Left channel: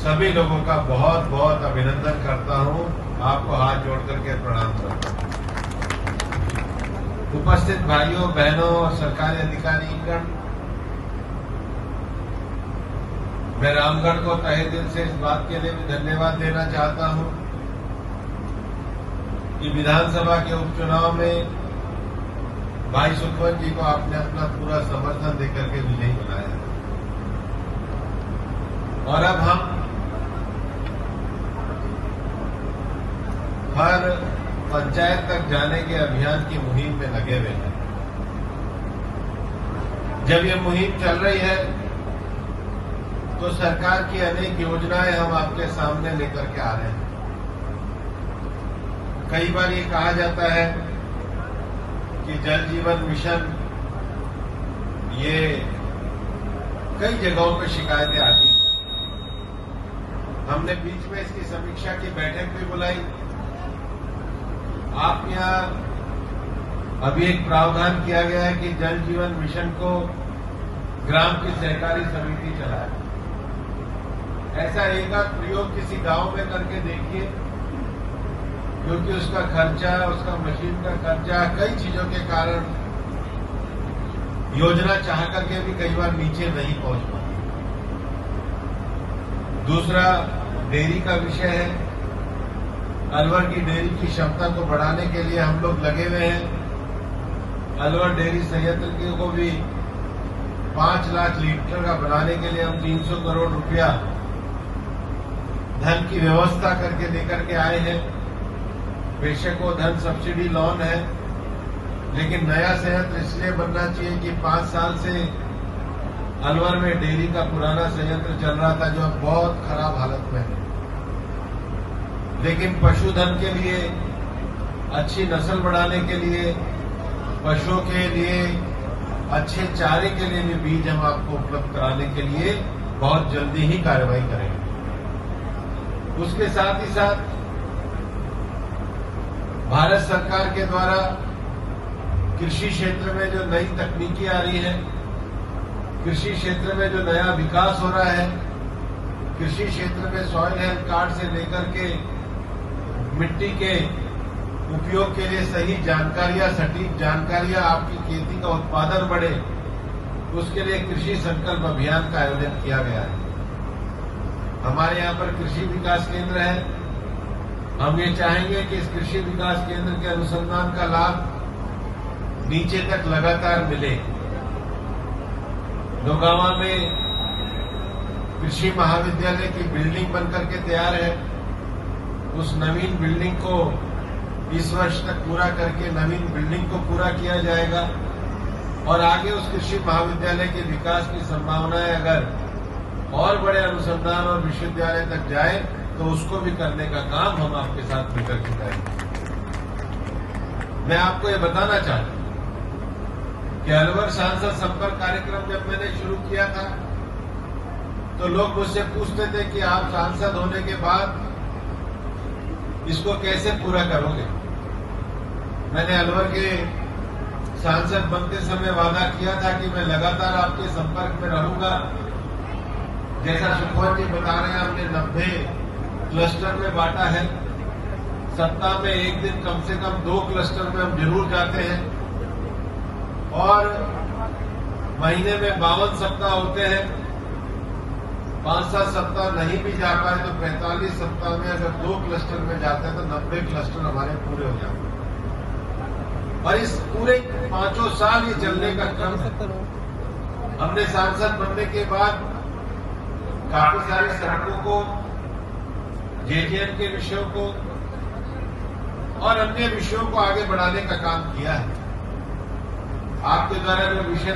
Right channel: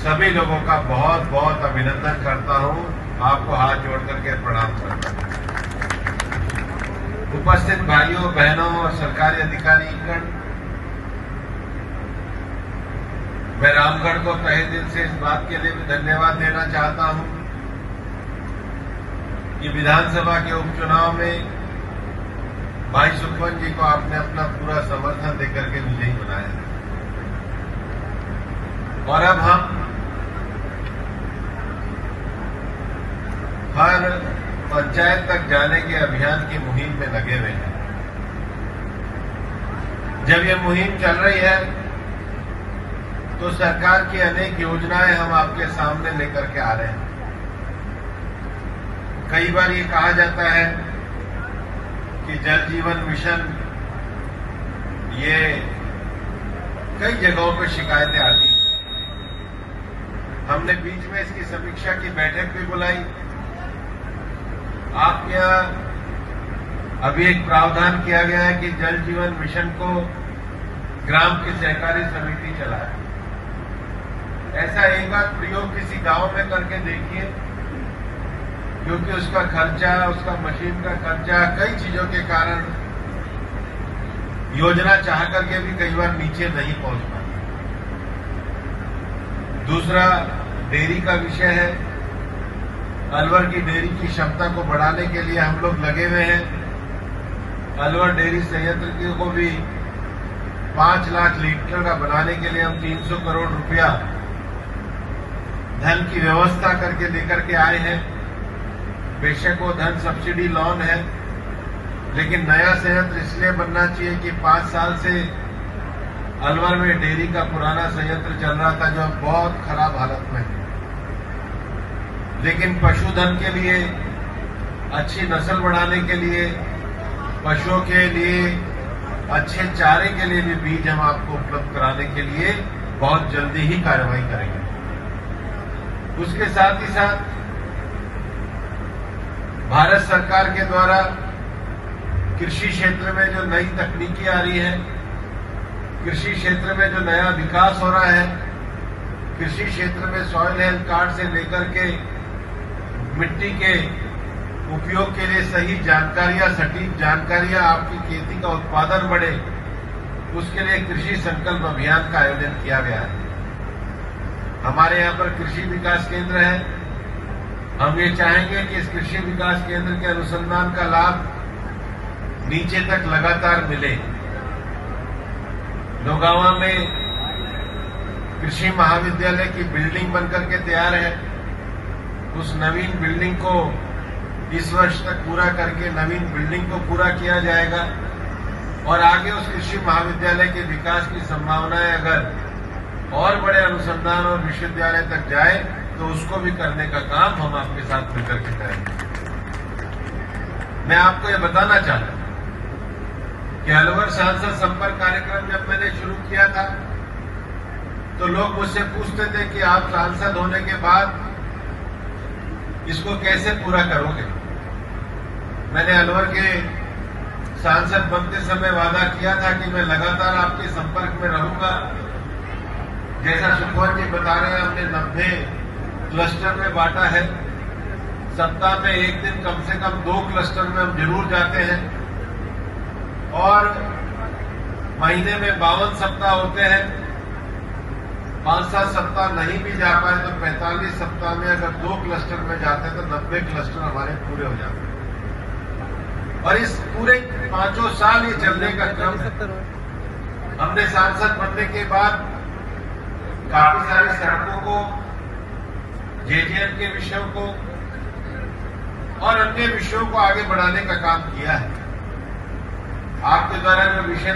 सभी लोगों का बहुत बहुत अभिनंदन करता हूं, आपको हाथ जोड़ करके प्रणाम करता हूं। उपस्थित भाइयों बहनों और सरकारी अधिकारीगण, मैं रामगढ़ को तहे दिल से इस बात के लिए धन्यवाद देना चाहता हूं कि विधानसभा के उपचुनाव में भाई सुखवंत जी को आपने अपना पूरा समर्थन देकर के विजयी बनाया और अब हम हर पंचायत तक जाने के अभियान की मुहिम में लगे हुए हैं। जब ये मुहिम चल रही है तो सरकार की अनेक योजनाएं हम आपके सामने लेकर के आ रहे हैं। कई बार ये कहा जाता है कि जल जीवन मिशन, ये कई जगहों पर शिकायतें आती हैं। हमने बीच में इसकी समीक्षा की बैठक भी बुलाई। आपके यहां अभी एक प्रावधान किया गया है कि जल जीवन मिशन को ग्राम की सहकारी समिति चलाए। ऐसा एक बार प्रयोग किसी गांव में करके देखिए, क्योंकि उसका खर्चा, उसका मशीन का खर्चा, कई चीजों के कारण योजना चाह करके भी कई बार नीचे नहीं पहुंच पाती। दूसरा डेयरी का विषय है। अलवर की डेयरी की क्षमता को बढ़ाने के लिए हम लोग लगे हुए हैं। अलवर डेयरी संयंत्र को भी 5 लाख लीटर का बनाने के लिए हम 300 करोड़ रुपया धन की व्यवस्था करके लेकर के आए हैं। बेशक वो धन सब्सिडी लोन है, लेकिन नया संयंत्र इसलिए बनना चाहिए कि 5 साल से अलवर में डेयरी का पुराना संयंत्र चल रहा था जो बहुत खराब हालत में है। लेकिन पशुधन के लिए, अच्छी नस्ल बढ़ाने के लिए, पशुओं के लिए अच्छे चारे के लिए भी बीज हम आपको उपलब्ध कराने के लिए बहुत जल्दी ही कार्रवाई करेंगे। उसके साथ ही साथ भारत सरकार के द्वारा कृषि क्षेत्र में जो नई तकनीकी आ रही है, कृषि क्षेत्र में जो नया विकास हो रहा है, कृषि क्षेत्र में सॉइल हेल्थ कार्ड से लेकर के मिट्टी के उपयोग के लिए सही जानकारियां, सटीक जानकारियां, आपकी खेती का उत्पादन बढ़े, उसके लिए कृषि संकल्प अभियान का आयोजन किया गया है। हमारे यहाँ पर कृषि विकास केंद्र है। हम ये चाहेंगे कि इस कृषि विकास केंद्र के अनुसंधान का लाभ नीचे तक लगातार मिले। नौगांवा में कृषि महाविद्यालय की बिल्डिंग बनकर के तैयार है। उस नवीन बिल्डिंग को इस वर्ष तक पूरा करके नवीन बिल्डिंग को पूरा किया जाएगा और आगे उस कृषि महाविद्यालय के विकास की संभावनाएं अगर और बड़े अनुसंधान और विश्वविद्यालय तक जाए तो उसको भी करने का काम हम आपके साथ मिलकर के करेंगे। मैं आपको ये बताना चाहता हूं कि अलवर सांसद संपर्क कार्यक्रम जब मैंने शुरू किया था तो लोग मुझसे पूछते थे कि आप सांसद होने के बाद इसको कैसे पूरा करोगे। मैंने अलवर के सांसद बनते समय वादा किया था कि मैं लगातार आपके संपर्क में रहूंगा। जैसा सुखवंत जी बता रहे हैं, हमने 90 क्लस्टर में बांटा है। सप्ताह में एक दिन कम से कम 2 क्लस्टर में हम जरूर जाते हैं और महीने में 52 सप्ताह होते हैं। 5-7 सप्ताह नहीं भी जा पाए तो 45 सप्ताह में अगर 2 क्लस्टर में जाते हैं तो 90 क्लस्टर हमारे पूरे हो जाते हैं। और इस पूरे 5 साल ये चलने का क्रम है। हमने सांसद बनने के बाद काफी सारी सड़कों को, जेजेएम के विषयों को और अन्य विषयों को आगे बढ़ाने का काम किया है। आपके द्वारा जो विषय